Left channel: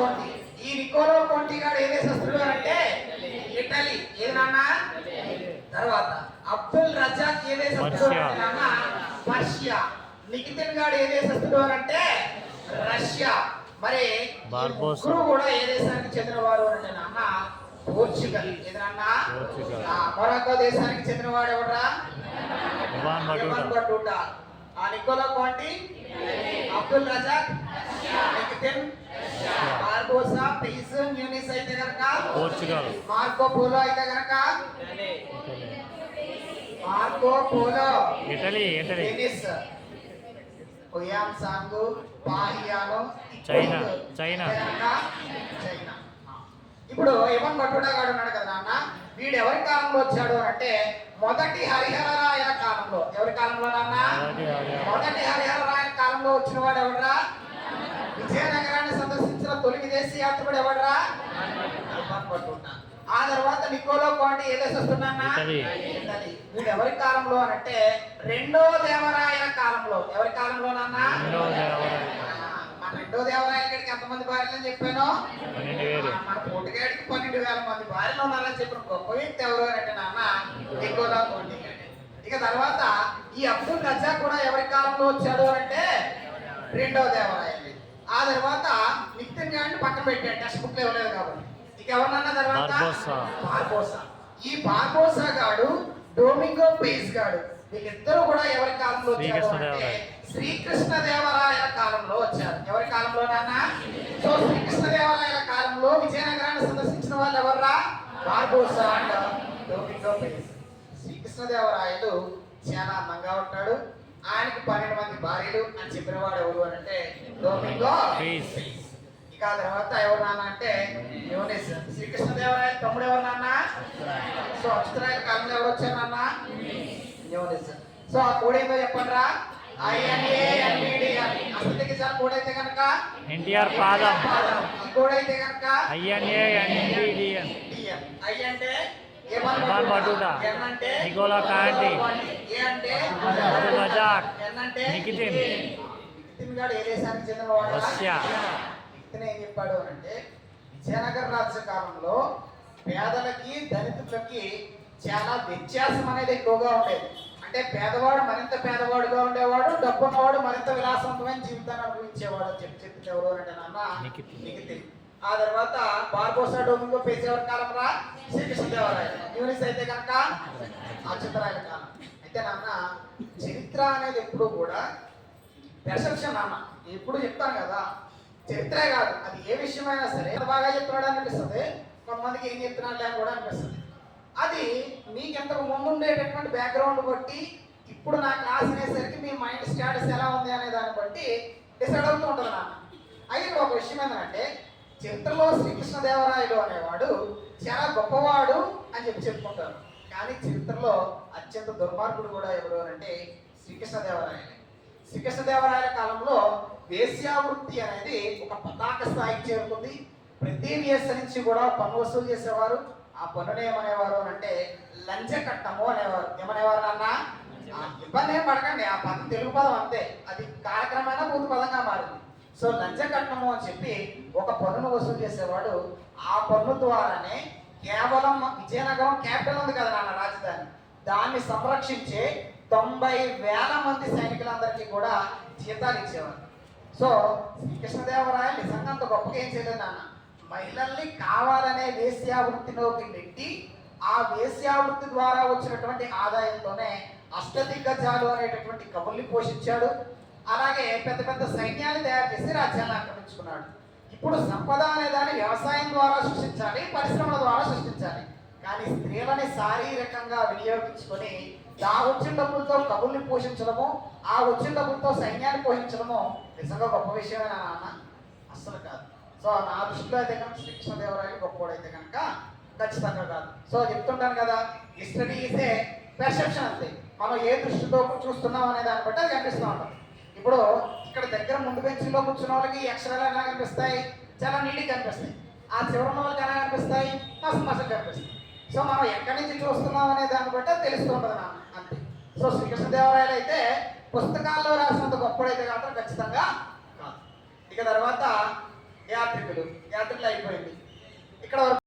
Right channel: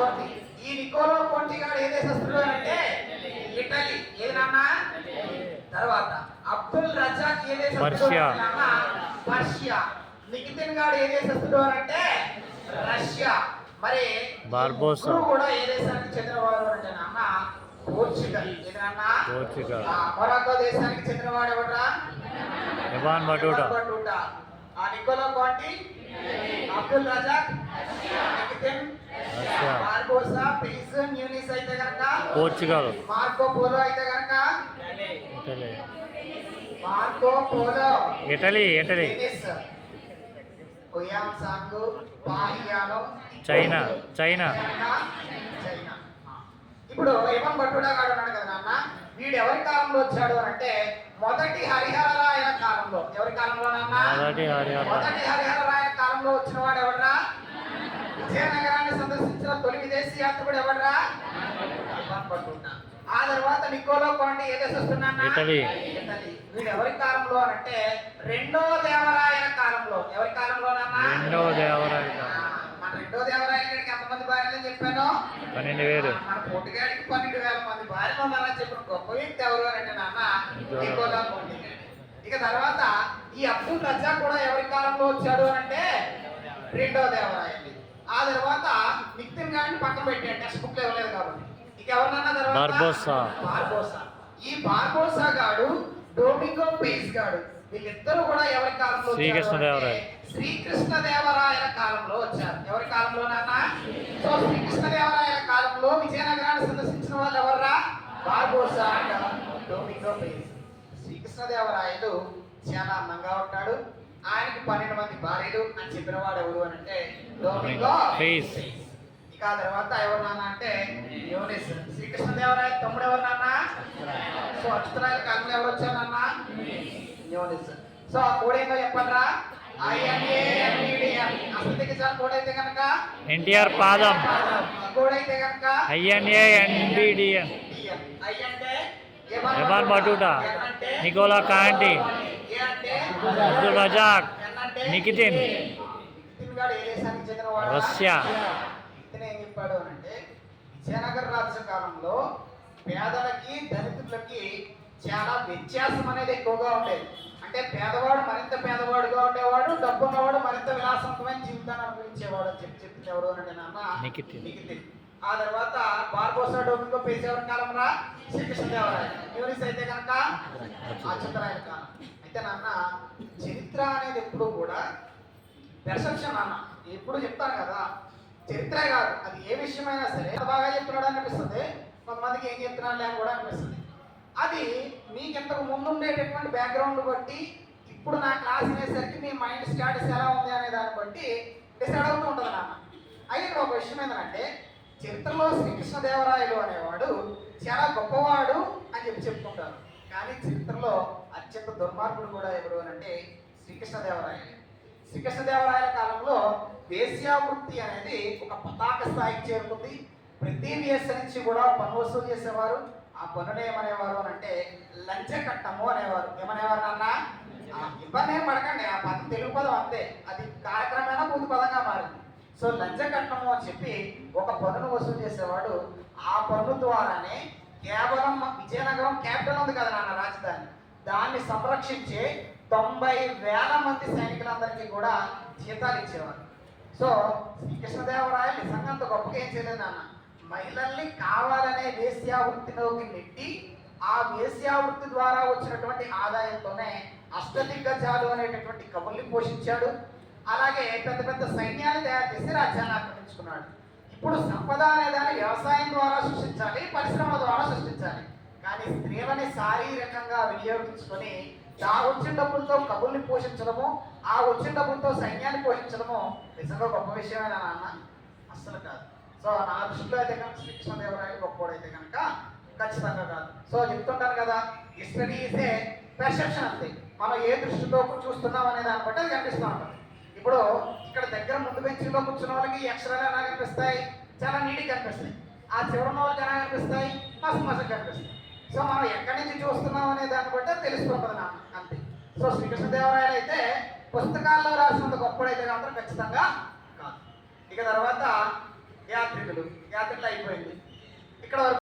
కోంటి. ఈ నికోలో కోంటి గారు ఏ దేశస్తుడు అంటే ఇటలీ. ఏది నాన్న? తర్వాత అబ్దుల్ రజాక్ ఏ దేశస్తుడు నాన్న? పర్షియా. నికితిన్ గారు ఏ దేశస్తుడు అంటే రష్యా. మరి బార్బోసా కూడా ఏ దేశానికి చెందినవారు అంటే నాన్న? పోర్చుగల్. ఏది నాన్న? పోర్చుగల్. మొరాకో దేశానికి చెందినవాడు ఎవరా? Ibn Battuta. ఆ Niccolo Conti, Abdul Razzaq, Nikitin, Barbosa, Paes Nuniz అయితే కనుక పోర్చుగల్. మార్కో పోలో అయితే కనుక Marco Polo Italy. Venice. Hiuen Tsang, పాహియానో చైనా. ఇప్పుడు ఇవన్ బటూటా గారు ఉన్నాడు కదా నాన్న, వీడు ఎవరి కాలంలో వచ్చాడు అని అంటే మొదటి హరిహర రాయల కాలంలో. ఎవరి కాలంలో నాన్న? మొదటి హరిహర రాయల కాలంలో వచ్చిన వాడు ఎవడరా? విజయనగరాన్ని సందర్శించిన తొలి విదేశీ యాత్రికుడు ఎవడరా? ఇవన్ బటూటా. ఆ తర్వాత నికోలో కోంటి ఏ దేశస్తున్నా? ఇటలీ. వీడు ఎవరి కాలంలో అనంటే రెండో దేవరాయల కాలంలో. ఎవరి కాలంలో నాన్న? రెండో దేవరాయల గడికి ఎంతమంది భార్యలు చెప్పాను? 12,000. మన పోటుగాడికి 12,000 మంది భార్యలు ఉన్నారని చెప్పిన గొప్ప వ్యక్తి ఎవరు అంటే నాన్న? నికోలో కోంటి. ఇక తర్వాత ఈ అబ్దుల్ రజాక్ కూడా ఎవరి కాలంలో వచ్చాడు అంటే రెండో దేవరాయలు. ఆ తర్వాత నికితిన్ గారిని పక్కన పెట్టాడు, టెక్స్ట్ బుక్ లో ఇవ్వలేదు కాబట్టి. ఇక ఎవరన్నా తర్వాత బార్బోసా. ఈ బార్బోసా గాడు, డొమింగో పీస్ గాడు, వీళ్ళిద్దరూ కూడా ఎవరి కాలంలో వచ్చారు? శ్రీకృష్ణదేవరాయల కాలంలో వచ్చారు. ఎవరి కాలంలో నాన్న? సో శ్రీకృష్ణదేవరాయల కాలంలో విజయనగరాన్ని సందర్శించిన వాళ్ళు ఎవర్రా? Barbosa and Domingo Paes. శ్రీకృష్ణదేవరాయలు చాలా అందంగా ఉంటాడు, ఆయనకి 12 మంది భార్యలు అని చెప్పిన వాడు ఎవరు అని అంటే డొమింగో పీస్. ఇక తర్వాత ఎవరు నాన్న అంటే యూనిస్. శ్రీకృష్ణదేవరాయల తమ్ముడు ఎవరు నాన్న? సో అచ్యుతరాయల కాలంలో ఎవరు వచ్చారు నాన్న? యూనిస్. సో ఆ కోడ్ ఏందో చెప్పండి రా? అసలు కోడ్ అయితే కనుక ఎన్టీఆర్ పాదం. కోడ్ అయితే కనుక INANDDN. ఐ అంటే Ibn Battuta, Niccolo Conti, Abdul Razzaq, Nikitin garu ఏ దేశానికి చెందినవాడు? రష్యా. ఇతను ఏం చెప్పాడు అంటే విజయనగర రాజ్య కాలంలో పేదలకి దళితులకి చాలా వ్యత్యాసం అనేది ఎక్కువగా ఉండేది. అంటే పేదవాడు మరింత పేదవాడుగా ఉండేవాడు, డబ్బున్నవాడు మరింత విలాసవంతమైన జీవితాన్ని అనుభవించేవాడు అని చెప్పింది ఎవరు అంటే నాన్న? నికితిన్. ఆ తర్వాత బార్బోసా, డొమింగో పీస్ ఎవరి కాలంలో? శ్రీకృష్ణదేవరాయలు. యూనిస్ అయితే కనుక అచ్యుతరాయల కాలం. అయితే నాన్న చరిత్ర అనేది ఎప్పుడు కూడా పెర్సెప్షన్ నాన్న. ఎప్పుడు చెప్తాను కదా, చరిత్రే కాదు, అది ఏ విషయమైనా సరే బాగా చెప్తున్నాడు అనిపిస్తుంది, కొంతమందికి ఏం చెప్తున్నాడు అని కూడా అనిపిస్తుంది. అది మీకు ఇంతకు ముందు ఉండేటటువంటి బ్యాక్గ్రౌండ్ బట్టి ఇప్పుడు నా క్లాస్ అనేసరికి మీ మైండ్ స్టేటస్ ఎలా ఉంది అనే దాన్ని బట్టి డిసైడ్ అవుతూ ఉంటుంది నాన్న. అయితే ఇక్కడ ఒక విషయం ఏంటంటే చరిత్రలో శ్రీకృష్ణదేవరాయలు అనేవాడు చాలా గొప్పవాడు అని చెప్పుకుంటారు, కానీ చరిత్రలో అత్యంత దుర్మార్గుడు కూడా ఎవరు అని అంటే శ్రీకృష్ణదేవరాయలు. శ్రీకృష్ణదేవరాయల కాలంలో వేశ్యావృత్తి అనేది ఒక పతాక స్థాయికి చేరుకుంది. ప్రతి వేస నుంచి కూడా పన్ను వసూలు చేసేవారు. ఆ పన్నును ఏమనేవారు అని అంటే లంచ కట్టము అనేవారు. ఏమనేవారు నాన్న? ఇబ్బంది ఏం పడకండి, ఆ పదం తెలుగు పదం అంతే, అది కాలక్రమేణా పూర్తి పదంగా మారింది. సో లంచ కట్టము అని చెప్పి ఒక పన్నును వసూలు చేసేవాడు. ఆ పన్ను ద్వారానే కేవలం విజయనగరం క్యాపిటల్ ఉంది కదా నాన్న, రాజధాని, దాన్ని సంరక్షించే 90,000 మంది సైనికులందరికీ కూడా జీతాలు ఇచ్చేవారు. సో శ్రీకృష్ణదేవరాయలు నిజంగా అంత గొప్పగా ఏం చేయలేదు నాన్న. మహిళల్ని కావాలనే వేశ్యావృత్తిలోకి నెట్టి ఆ వేశ్యావృత్తి ద్వారా వచ్చినటువంటి ఆదాయంతోనే అష్టదిగ్గజాలు అనేటటువంటి కవుల్ని పోషించాడు. అలాగే పెద్ద పెద్ద సైన్యాన్ని తయారు చేసి రాజ్యాన్ని ఆక్రమించుకున్నాడు. ఇప్పుడు సంపద అనే దాన్ని వ్యవసాయం ద్వారా సృష్టించాలి, పరిశ్రమల ద్వారా సృష్టించాలి. కానీ స్త్రీలని శారీరకంగా వినియోగించుకొని ఆ వచ్చిన డబ్బులతో కవుల్ని పోషించడము, ఆ వచ్చిన డబ్బులతో సైన్యాన్ని పోషించడము నిజంగా గొప్ప విషయమేనా నాన్న? అస్సలు కాదు. సో నా దృష్టిలో అయితే కనుక శ్రీకృష్ణదేవరాయలు గొప్పవాడైతే కనుక ఖచ్చితంగా కాదు. సో చెప్తుంటాను కదా, హిస్టరీ ఈజ్ ఏ పెర్సెప్షన్ అంతే. మనం ఏ దృష్టితో చూస్తున్నాం అనే దాన్ని బట్టి అది కనిపిస్తూ ఉంటుంది. ఇప్పుడు ఇక్కడ దగ్గర ముందు బెంచ్లో కూర్చున్న వాళ్ళకి అక్షరాలు ఎలా కనిపిస్తాయి? చాలా నీట్గా కనిపిస్తాయి. ఆ చివరి వాళ్ళకి ఎలా కనిపిస్తాయి? మస్తు మస్తు కనిపిస్తాయి. సో మనం ఎక్కడి నుంచి చూస్తున్నాం అనే దాన్ని బట్టి తెలుస్తూ ఉంటుంది నా అంతే. సో శ్రీకృష్ణదేవరాయలు అయితే పుస్తకాల్లో రాసినంత గొప్పడైతే మాత్రం ఖచ్చితంగా కాదు. ఇక తర్వాత యాత్రికుడు. యాత్రికులు యాత్రలు అయిపోయింది ఇక్కడ వరకు